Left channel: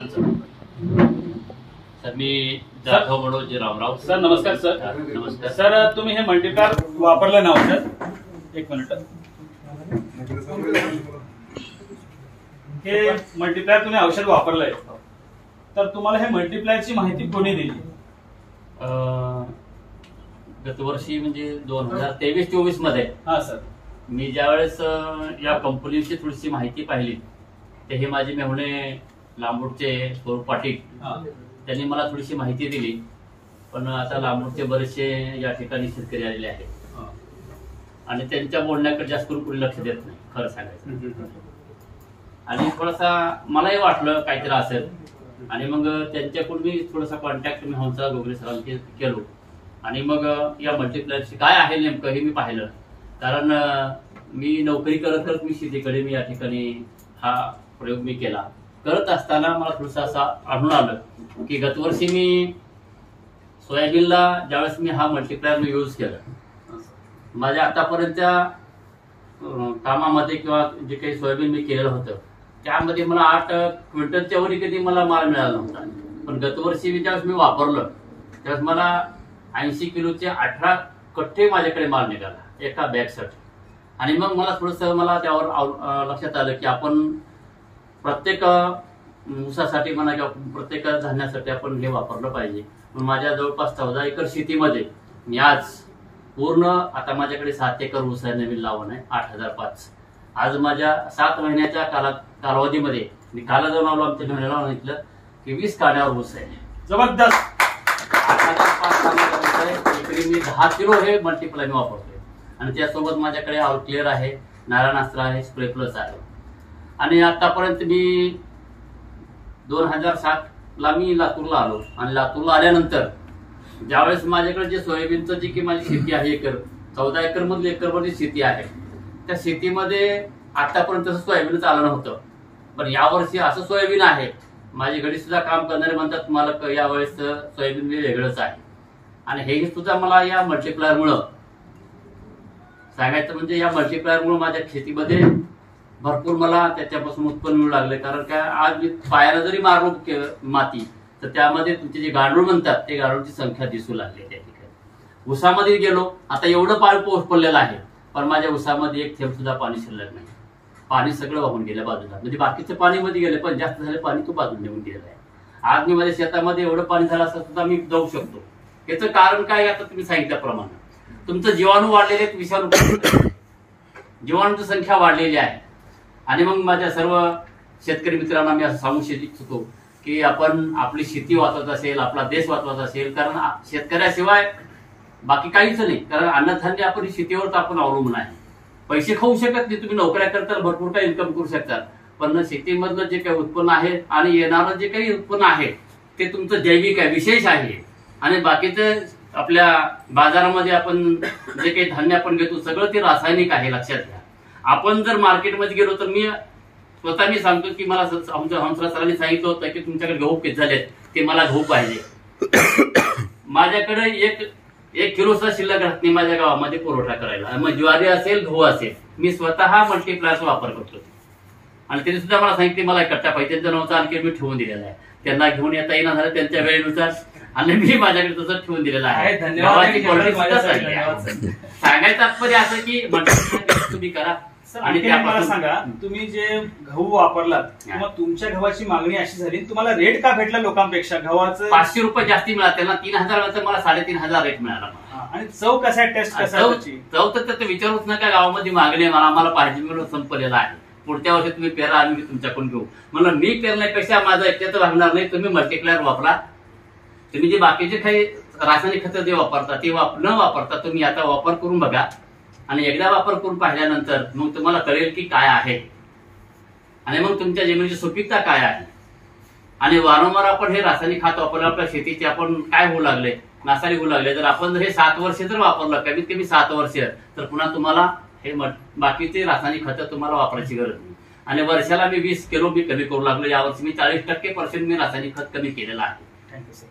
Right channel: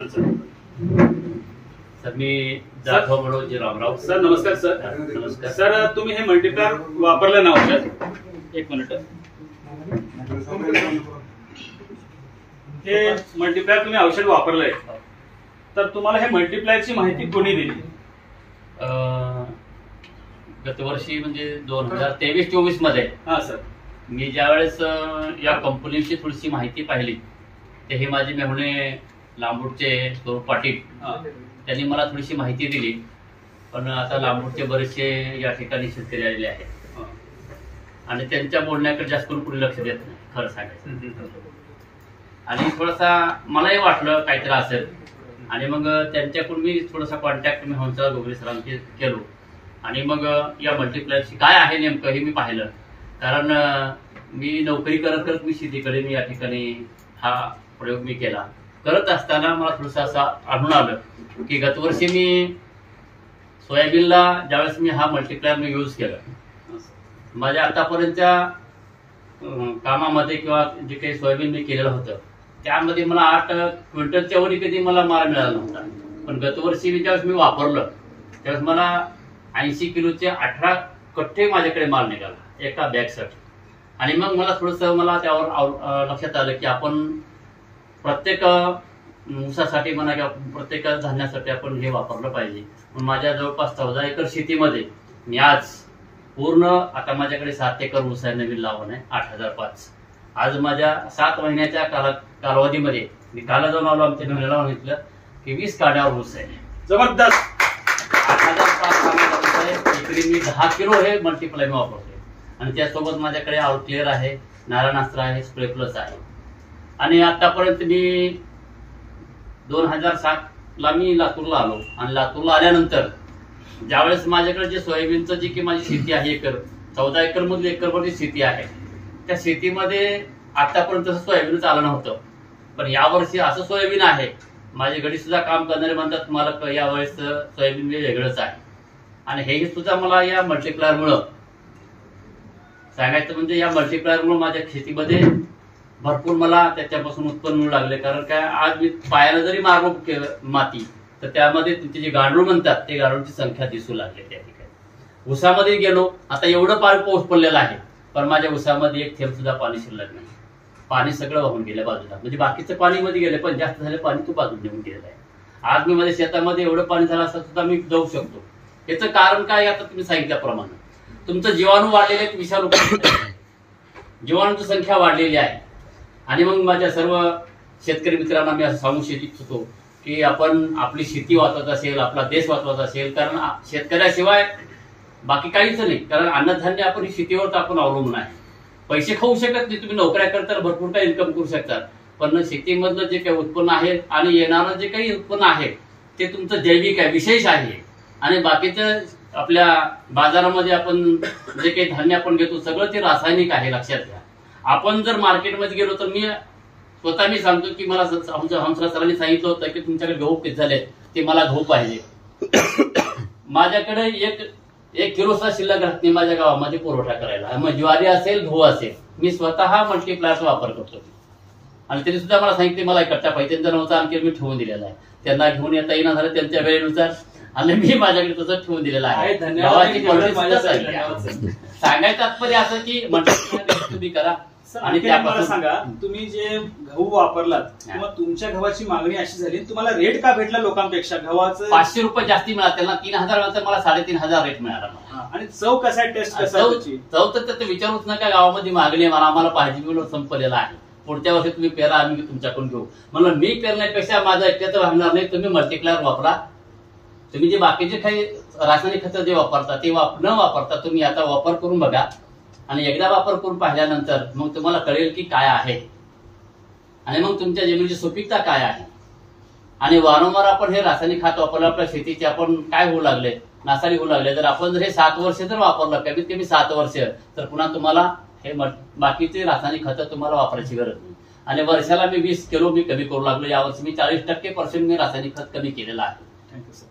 Sir मी Jadhav Manoj Ramrao. Sir नमस्कार. Sir नमस्कार sir, तुम्ही हे मल्टीप्लायर वापरलं ना औषध? एक मिनिट. हे मल्टीप्लायर तुम्ही औषध वापरलंय, तर तुम्हाला हे मल्टीप्लायरची माहिती कोणी दिली? गतवर्षी म्हणजे 2023-24 मध्ये. हा सर. मी ज्यावेळेस या कंपनीची थोडीशी माहिती पाहिली, ते हे माझे मेहुणे लांबूडचे स्वरूप पाटील त्यांनी मला थोडीशी माहिती दिली. पण आता लांबूडचे बरेचसे या ठिकाणी शेतकरी आलेले आहेत आणि त्यांच्या बोलण्याकडे जास्त करून कोणी लक्ष देत नाही, खरं सांगायचं. आणि थोडासा मलाही वाटलं काहीतरी असेल, आणि मग त्यांच्याकडून मी थोडासा कॉन्टॅक्ट मी हंसा गोगले सरांशी केलो. आणि मग या मल्टीप्लायरची काय आहे नेमकं हे मी पाहिलं. कारण मी नोकरी करत करत मी शेतीकडे मी या ठिकाणी हा प्रयोग मी केला. करत असताना मला थोडंसं असं आढळून आलं की गतवर्षी मी सोयाबीनला ज्यावेळेस मी हा मल्टीप्लायर मी यूज केला, माझ्या आतापर्यंतच्या कामामध्ये किंवा जे काही सोयाबीन मी केलेलं होतं त्यामध्ये मला 8 क्विंटलच्या वरी कधी मला माल मिळाला नव्हता. पण गतवर्षी ज्यावेळेस मी वापरलं त्यावेळेस मला 80 किलोचे 18 कट्टे माझ्याकडे माल निघाला एका बॅगसाठी. आणि मग मला थोडंसं मला त्यावर लक्षात आलं की आपण प्रत्येक ऊसासाठी म्हणा किंवा प्रत्येक धान्यासाठी आपण हे वापरलं पाहिजे. माझ्या जवळपास 14 एकर शेतीमध्ये मी आज पूर्ण, आता माझ्याकडे 7 एकर ऊस आहे, नवीन लावण आहे 8005. आज माझ्या 7 महिन्याच्या कालावधीमध्ये मी काला जाऊन आलो, आमच्या महिन्याला सांगितलं की 20 काड्यावर ऊस आहे. जबरदस्त. 8005 एकरी मी 10 किलो हे मल्टीप्लाय मी वापरतोय. आणि त्यासोबत माझ्याकडे आउटक्लिअर आहे, नारायणास्त्र आहे, स्प्रे प्लस आहे. आणि आतापर्यंत मी 2007ला मी लातूरला आलो. आणि लातूरला आल्यानंतर ज्यावेळेस माझ्याकडे जे सोयाबीनचं जी की माझी शेती आहे, 14 एकर मधली एकरभरची शेती आहे, त्या शेतीमध्ये आतापर्यंत सोयाबीनच आलं नव्हतं. पण यावर्षी असं सोयाबीन आहे, माझे घरी सुद्धा काम करणारे म्हणतात मला यावेळेस सोयाबीन वेगळंच आहे. आणि हे सुद्धा मला या मल्टीप्लायरमुळं सांगायचं म्हणजे या मल्टीप्लायरमुळे माझ्या शेतीमध्ये भरपूर मला त्याच्यापासून उत्पन्न मिळू लागले. कारण काय, आज मी पायाला जरी मारलो माती तर त्यामध्ये तुमचे जे गांडूळ म्हणतात ते गांडूळची संख्या दिसू लागली. त्या ठिकाणी ऊसामध्ये गेलो, आता एवढं पाऊस पडलेला आहे पण माझ्या ऊसामध्ये एक थेंब सुद्धा पाणी शिल्लक नाही. पाणी सगळं वाहून गेलं बाजूला, म्हणजे बाकीचं पाणी मध्ये गेले पण जास्त झाले पाणी तो बाजून निघून गेलेलं आहे. आज मी माझ्या शेतामध्ये एवढं पाणी झालं असं सुद्धा मी जाऊ शकतो. याचं कारण काय, आता तुम्ही सांगितल्याप्रमाणे तुमचं जीवाणू वाढलेले आहेत, विषाणू जीवाणूची संख्या वाढलेली आहे. आणि मग माझ्या सर्व शेतकरी मित्रांना मी असं सांगू इच्छितो की आपण आपली शेती वाचवत असेल, आपला देश वाचवत असेल, कारण शेतकऱ्याशिवाय बाकी काहीच नाही. कारण अन्नधान्य आपण शेतीवर आपण अवलंबून आहे. पैसे खाऊ शकत नाही, तुम्ही नोकऱ्या करता भरपूर काही इन्कम करू शकतात, पण शेतीमधलं जे काही उत्पन्न आहे आणि येणारं जे काही उत्पन्न आहे ते तुमचं जैविक आहे, विशेष आहे. आणि बाकीचं आपल्या बाजारामध्ये आपण जे काही धान्य आपण घेतो सगळं ते रासायनिक आहे, लक्षात घ्या. आपण जर मार्केटमध्ये गेलो तर मी स्वतः सांगतो की मला हंसराज सरांनी सांगितलं होतं की तुमच्याकडे गहू किती झालेत, ते मला गहू पाहिजे. माझ्याकडे एक किलो सुद्धा शिल्लक राहत नाही माझ्या गावामध्ये पुरवठा करायला. मग ज्वारी असेल, गहू असेल, मी स्वतः मल्टीप्लायरचा वापर करतो. आणि त्यांनी सुद्धा मला सांगितले मला कट्टा पाहिजे, त्यांचा नव्हता आणखी मी ठेवून दिलेला आहे. त्यांना घेऊन येता येईना झालं त्यांच्या वेळेनुसार, आणि मी माझ्याकडे तसं ठेवून दिलेलं आहे. गव्हाची क्वालिटी सुद्धा सांगायचं तात्पर्य असं की तुम्ही करा. आणि मला सांगा, तुम्ही जे गहू वापरलात किंवा तुमच्या गव्हाची मागणी अशी झाली, तुम्हाला रेट का भेटला लोकांपेक्षा? गव्हाचं 500 रुपये जास्ती मिळाला, त्यांना 3000 नंतर मला 3500 रेट मिळाला. आणि चव कसा आहे, टेस्ट कसा आहे? चव तर विचारूच नका. गावामध्ये मागणी मला आम्हाला पाहिजे म्हणून संपलेला आहे. पुढच्या वर्षी तुम्ही पेरा, आम्ही तुमच्याकडून घेऊ. म्हणलं मी पेरण्यापेक्षा माझा एकट्याच राहणार नाही, तुम्ही मल्टीप्लायर वापरा. तुम्ही जे बाकीचे काही रासायनिक खतं जे वापरता ते न वापरता तुम्ही आता वापर करून बघा. आणि एकदा वापर करून पाहिल्यानंतर मग तुम्हाला कळेल की काय आहे आणि मग तुमच्या जमिनीची सुपीकता काय आहे. आणि वारंवार आपण हे रासायनिक खत वापरलं, आपल्या शेतीचे आपण काय होऊ लागले, नासाडी होऊ लागले. जर आपण जर हे 7 वर्ष जर वापरलं, कमीत कमी 7 वर्ष, तर पुन्हा तुम्हाला हे बाकीचे रासायनिक खतं तुम्हाला वापरायची गरज नाही. आणि वर्षाला मी 20 किलो मी कमी करू लागलो. यावर्षी मी 40% मी रासायनिक खत कमी केलेलं आहे. Thank you sir.